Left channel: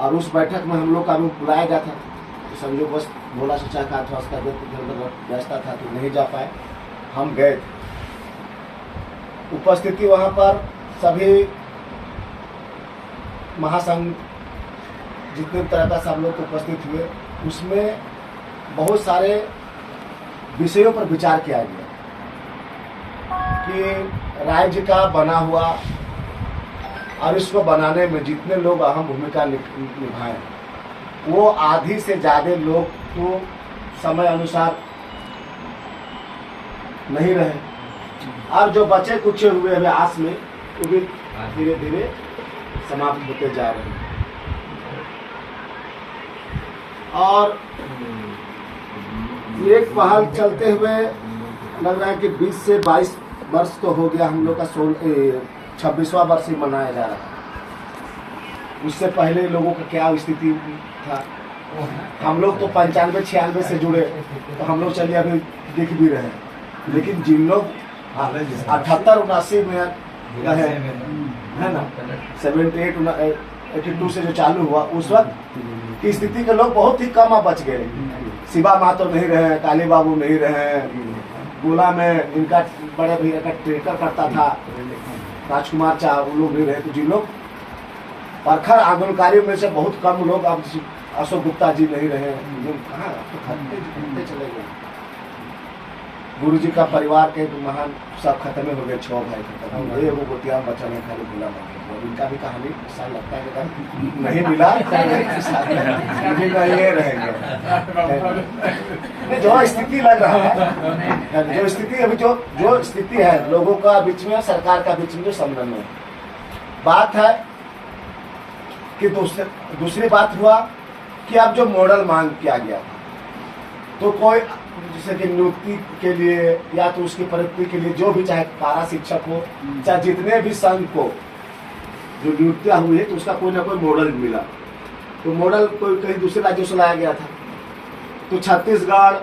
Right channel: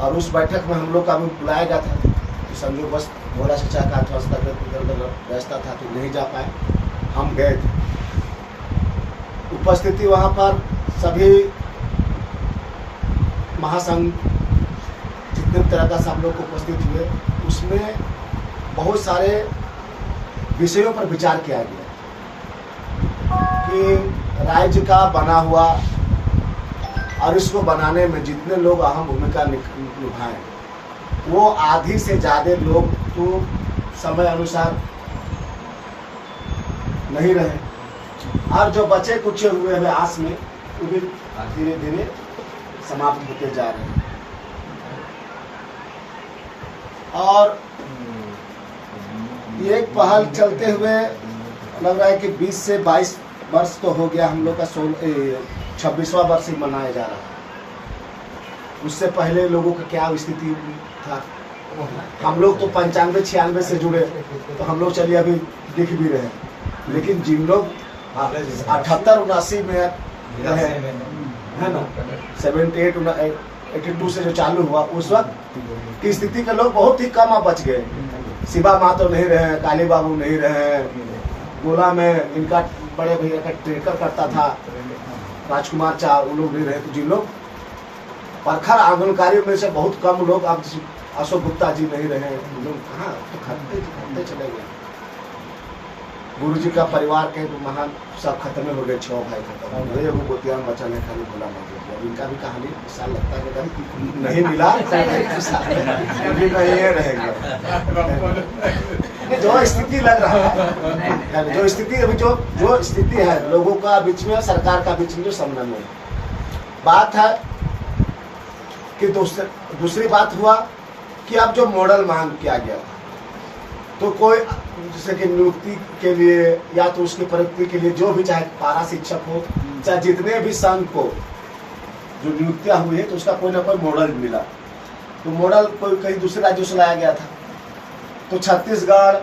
और उस बैठक में हम लोग का भी बुलाया गया था, तो संजोग बस घोड़ा चचा का थोड़ा सा व्यस्त था तो नहीं जा पाए, हम गए थे। उपस्थिति वहाँ पर सभी महासंघ जितने तरह का सब लोग उपस्थित हुए, उसमें बहुत सारे विषयों पर विचार किया गया कि राज्य का बना हुआ और इसको बनाने में जितने लोग अहम भूमिका निभाएं, वो आधी से ज़्यादा लोग तो समय अनुसार नहीं रहे, और जो बचे कुछ हुए हुए आस में वो भी धीरे धीरे समाप्त होते जा रहे हैं। और ये एक पहल चलते हुए लग रहा है कि 20 से 22 वर्ष तो हो गया, हम लोग का 26वां वर्ष ही मनाया जा रहा है। उससे पहले लोगों का क्या स्थिति था, हम लोग तो 95-96 से जुड़े, तो हम लोग चलिए अभी दिख भी रहे हैं, लेकिन जिन लोग 78-79 में रहे है ना, 78-82 से जो चालू हुआ उस वक्त की स्थिति के लोग बहुत ही कम अब बच गए। शिवा मातो नहीं रहे हैं, काली बाबू नहीं रहे हैं, गोला में इनका बड़े भैया का ट्रेकर करता था राजकुमार चा, वो लोग नहीं रहे। तो जिन लोग प्रखर आंदोलनकारियों में से बहुत कम लोग, अब अशोक गुप्ता जी नहीं रहे, कहाँ तो खत्ते चले गए। गुरु जी का परिवार के महान सब खत्म हो गए, 6 भाई खत्म हो गए, वो गोतिया बचल है खाली भोला बाबू। अब इनका भी कहानी साल लगता है कि नहीं मिला, नहीं रहेंगे। जो स्थिति लग रहा है, जो स्थिति अभी जो स्थिति है लोगों का बीच में, सरकार का बीच में जो संबंध है, बात है कि दूसरी बात हुआ कि अब जो मॉडल मांग किया गया था, तो कोई जैसे कि नियुक्ति के लिए या तो उसकी प्रगति के लिए जो भी, चाहे पारा शिक्षक हो, चाहे जितने भी संघ को जो नियुक्तियां हुई है, तो उसका कोई ना कोई मॉडल मिला। तो मॉडल कोई कहीं दूसरे राज्यों से लाया गया था, तो छत्तीसगढ़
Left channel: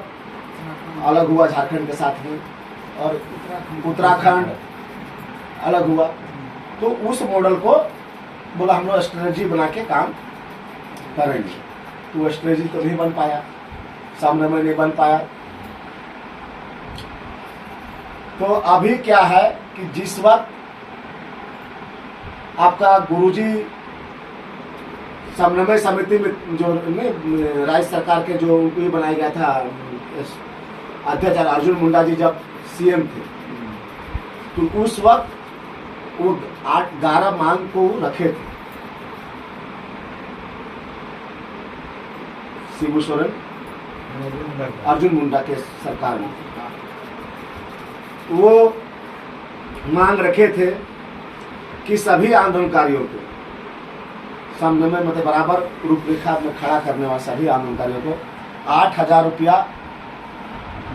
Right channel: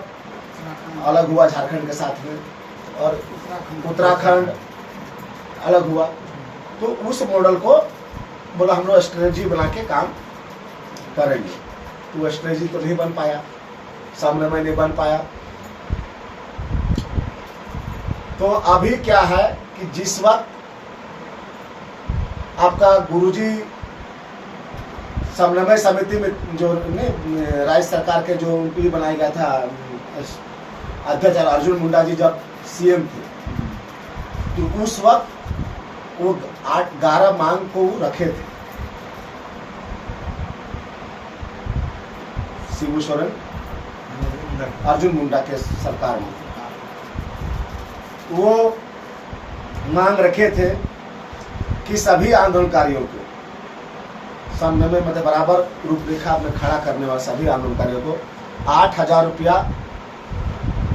अलग हुआ झारखंड के साथ में, और उत्तराखंड अलग हुआ। तो उस मॉडल को बोला हम लोग स्ट्रेटजी बना के काम करेंगे, तो वो स्ट्रेटजी तो नहीं बन पाया, सामने में नहीं बन पाया। तो अभी क्या है कि जिस वक्त आपका गुरुजी समन्वय समिति में जो राज्य सरकार के जो उनको बनाया गया था अध्यक्ष अर्जुन मुंडा जी जब सीएम थे, तो उस वक्त वो 8-11 मांग को रखे थे। शिबू सोरेन अर्जुन मुंडा के सरकार में वो मांग रखे थे कि सभी आंदोलनकारियों को समन्वय मतलब बराबर रूपरेखा में खड़ा करने वाले सभी आंदोलनकारियों को 8,000 रुपया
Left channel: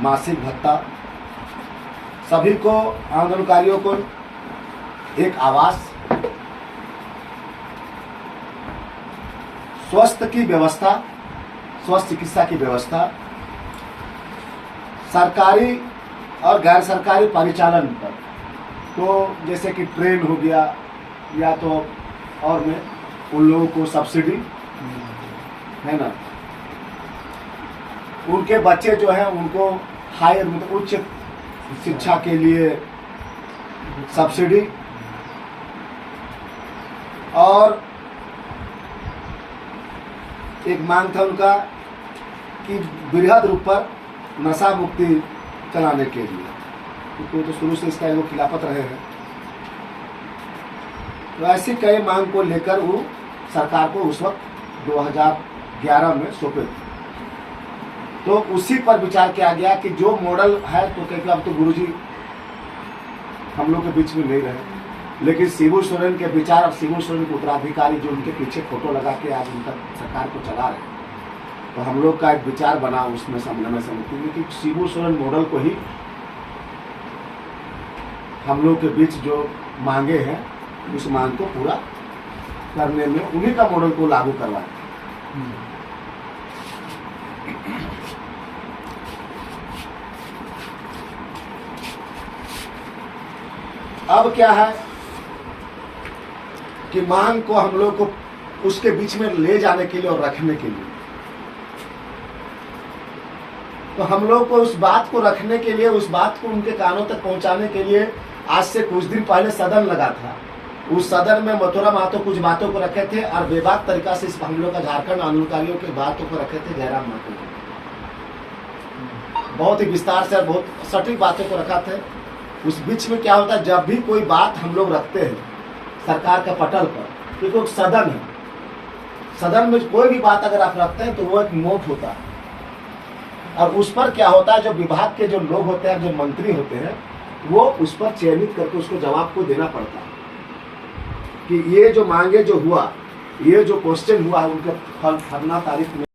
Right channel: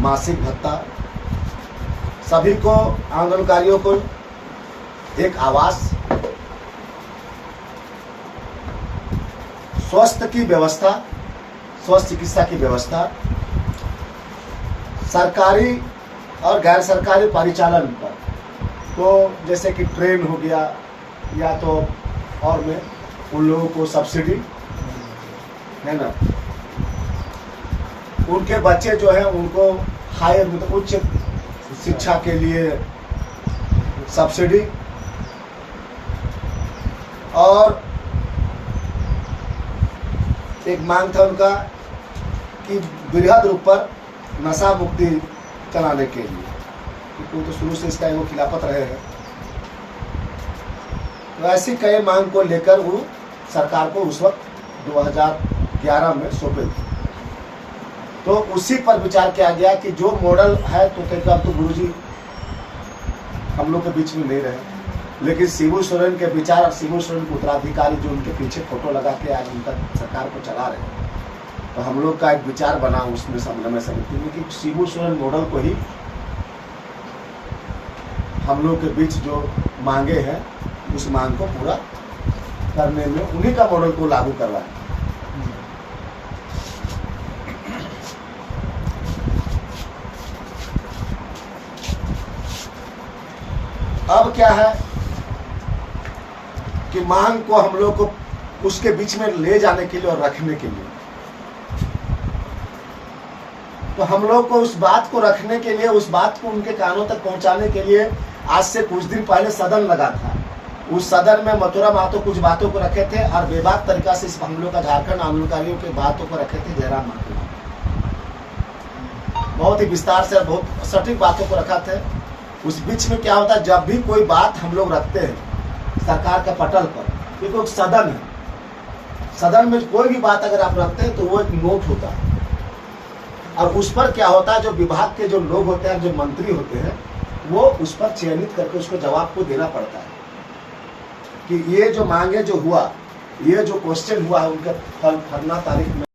मासिक भत्ता, सभी को आंदोलनकारियों को एक आवास, स्वस्थ की व्यवस्था, स्वस्थ चिकित्सा की व्यवस्था, सरकारी और गैर सरकारी परिचालन पर, तो जैसे कि ट्रेन हो गया या तो और में उन लोगों को सब्सिडी है ना, उनके बच्चे जो हैं उनको हायर मतलब उच्च शिक्षा के लिए सब्सिडी, और एक मांग था उनका कि बृहद रूप पर नशा मुक्ति चलाने के लिए, क्योंकि तो शुरू से इसका लोग खिलाफत रहे हैं। तो ऐसी कई मांग को लेकर वो सरकार को उस वक्त 2011 में सौंपे थे। तो उसी पर विचार किया गया कि जो मॉडल है, तो क्योंकि अब तो गुरुजी हम लोग के बीच में नहीं रहे, लेकिन शिबू सोरेन के विचार और शिबू सोरेन के उत्तराधिकारी जो उनके पीछे फोटो लगा के आज उनका सरकार को चला रहे हैं, तो हम लोग का एक विचार बना उसमें समन्वय समिति में कि शिबू सोरेन मॉडल को ही हम लोग के बीच जो मांगे हैं उस मांग को पूरा करने में उन्हीं का मॉडल को लागू करवाएं। अब क्या है कि मांग को हम लोग को उसके बीच में ले जाने के लिए और रखने के लिए। तो हम लोग को उस बात को रखने के लिए, उस बात को उनके कानों तक पहुंचाने के लिए आज से कुछ दिन पहले सदन लगा था। उस सदन में मथुरा महतो कुछ बातों को रखे थे और बेबाक तरीका से इस हम लोग का झारखंड आंदोलनकारियों के बातों को रखे थे जयराम महतो। बहुत ही विस्तार से, बहुत सटीक बातों को रखा था। उस बीच में क्या होता है, जब भी कोई बात हम लोग रखते हैं सरकार का पटल पर, क्योंकि एक सदन है, सदन में कोई भी बात अगर आप रखते हैं तो वो एक नोट होता है और उस पर क्या होता है, जो विभाग के जो लोग होते हैं, जो मंत्री होते हैं, वो उस पर चयनित करके उसको जवाब को देना पड़ता है कि ये जो मांगे जो हुआ, ये जो क्वेश्चन हुआ है उनका फलना तारीख में